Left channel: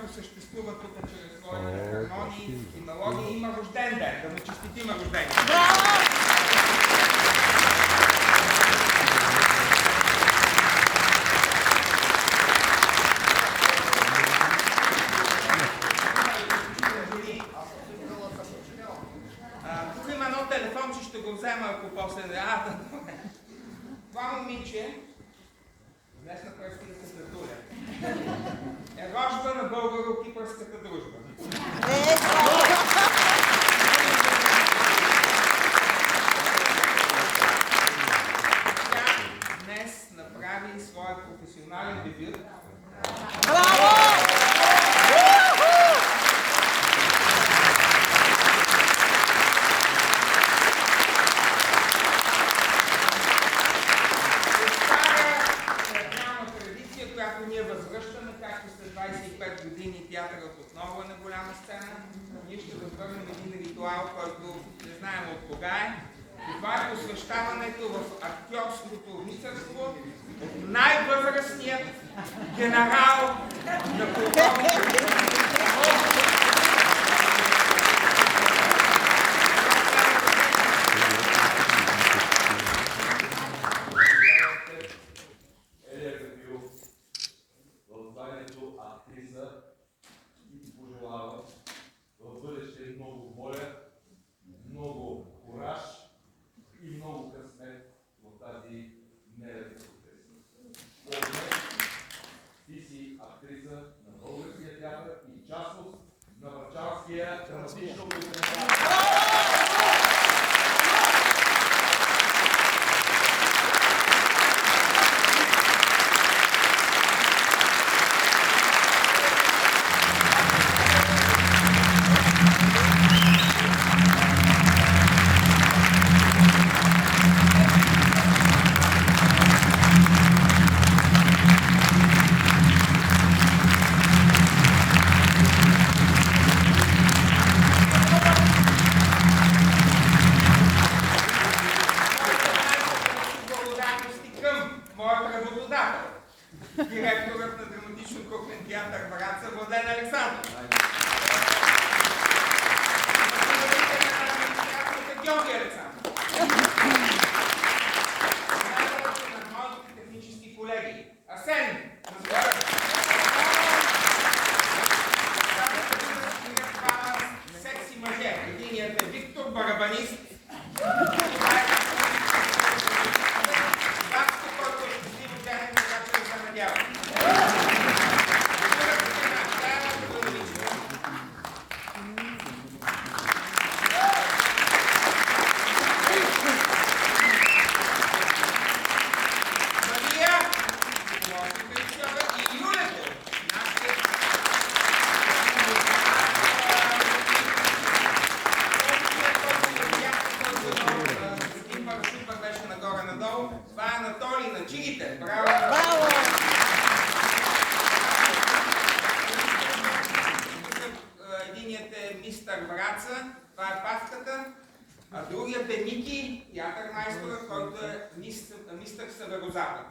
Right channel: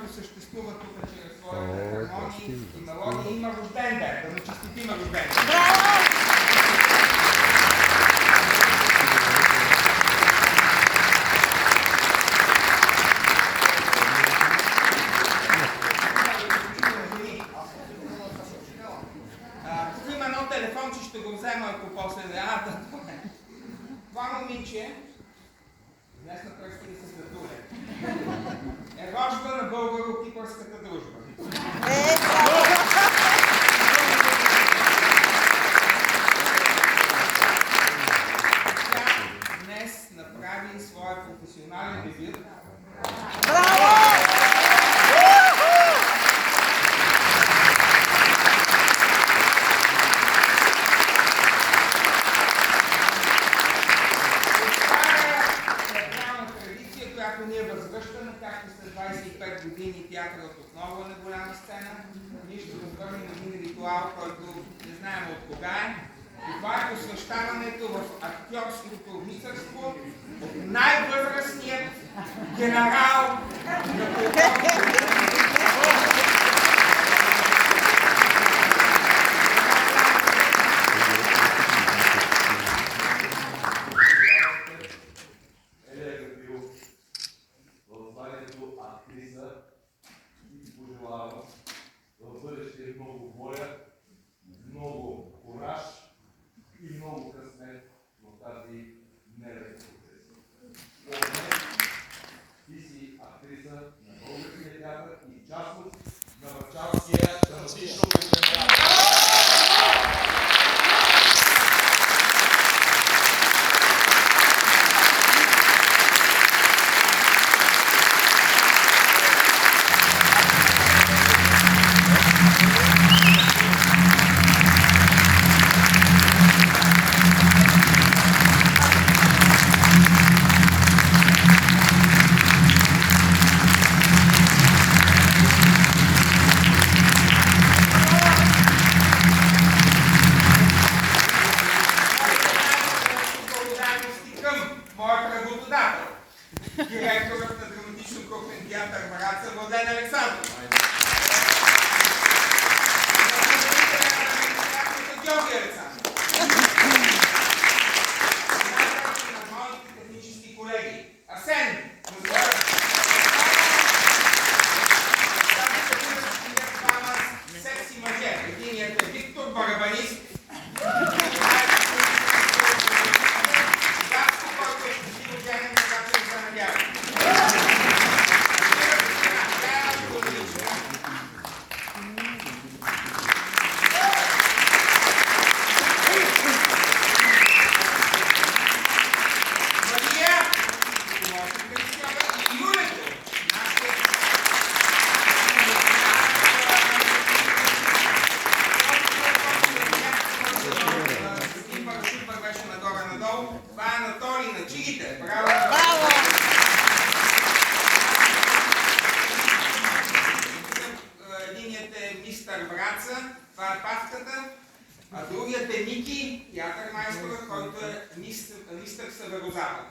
който съществува тук чрез своите хармонии и мелодии, има рожден ден. Да му честитим рожден ден. Тук има едно телефонче, ще го взема, ако после... Това момиче, днес на пръстите се татуле, е рожба на българо-кипърската дружба. Тя днес направи своя професионален дебют. Която ние възвръщаме, както след 25 години театърът отново е на голяма сцена. Ние ще възвърнем един ритуал, който не знаем от кога е. И това е посвещаването в актьорското рицарство от най-възрастният генерал на културното. В бъдеще много воля, много кураж и много късмет в тази нелека професия. Ти си актриса на българския театър и част от на върчалския драматично-пресвещаване. Директорът на драматично-кухнен театър Враца Младен Александров. Георги Александров. Най-вече на моите технически колеги. Асен. Двама секси мъже. Единият е Виктор, барабанист. Това е Анатолий на чигите. Браво! Единият е мистър Враца, това е павката, а другият е Ники, театър майстора, който е мистър Северозапад.